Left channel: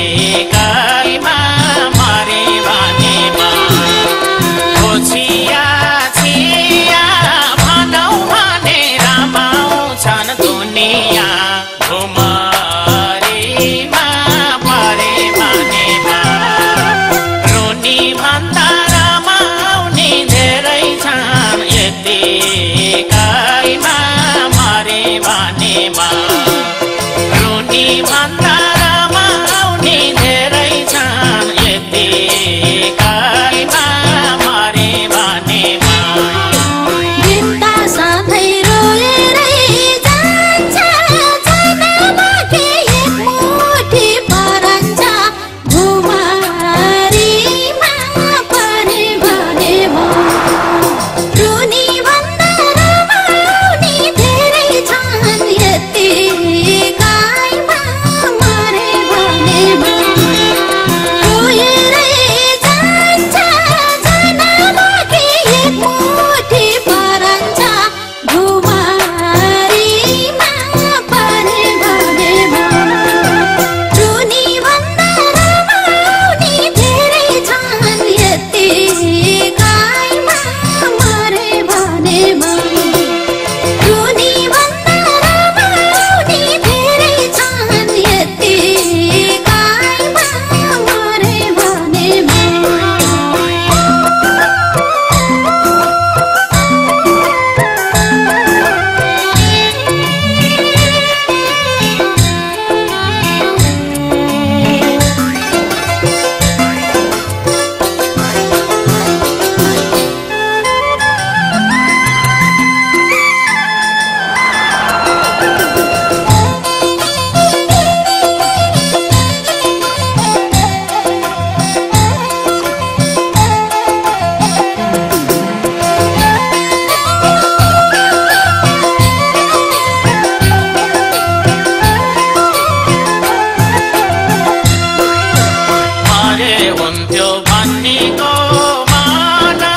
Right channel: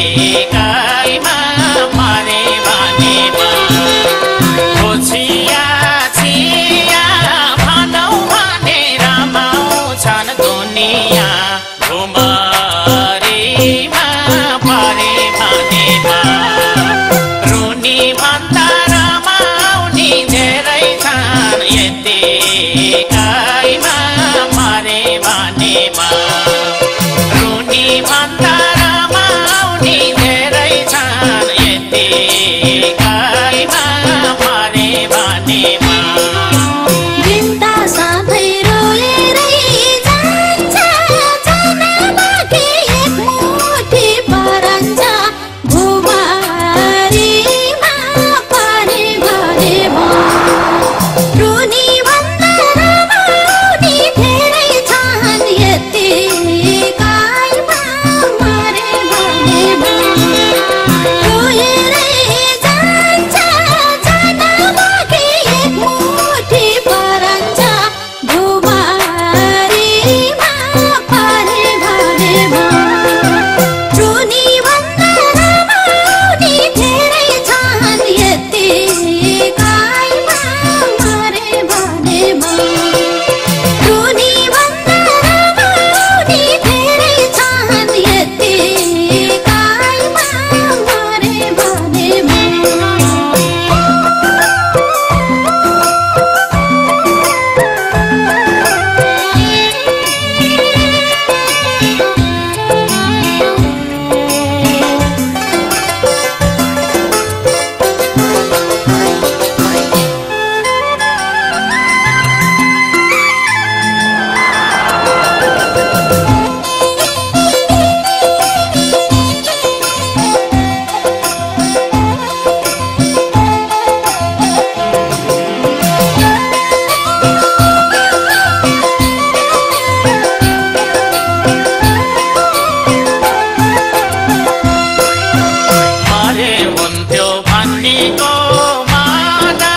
यतिकैमा मरे भनेमा छिया छिया भनौँ भने रमाउँछन् दुनिया घुमरीमा परे भनेमा रुनी भन्दा रमाउने धेरै छन् यतिकैमा मरे भनेमा रुनी भन्दा रमाउने धेरै छन् यतिकैमा मरे भनेमा बिन्दा साथै रोएरै जान्छ छानामाथि एक मुठी परन्छ घुमरीमा परे भनेमा रुनी भन्दा रमाउने धेरै छन् यतिकैमा मरे भनेमा रोएरै जान्छ छानामाथि एक मुठी परन्छ घुमरीमा परे भनेमा रुनी भन्दा रमाउने धेरै छन् यतिकैमा मरे भनेमा रुनी भन्दा रमाउने धेरै छन् यतिकैमा मरे भनेमा मरे हुन्थ्यो भन्नेको माना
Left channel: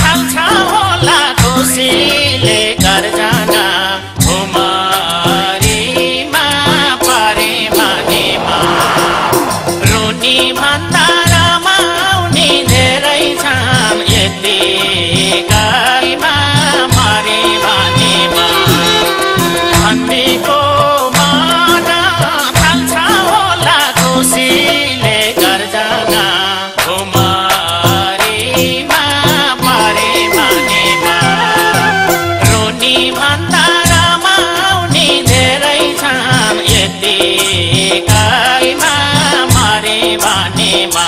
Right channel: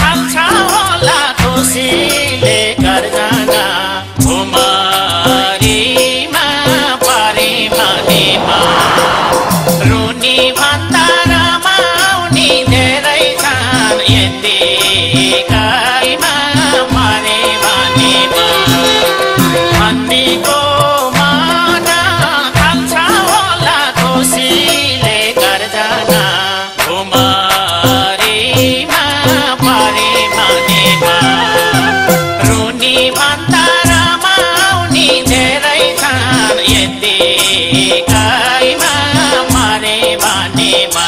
थाल्छ होला खुसीले घर जाँदा घुमरीमा परे भनेमा रुनी भन्दा रमाउने धेरै छन् यतिकैमा मरे भनेमा भन्नेको माना थाल्छ होला खुसीले घर जाँदा घुमरीमा परे भनेमा रुनी भन्दा रमाउने धेरै छन् यतिकैमा मरे भनेमा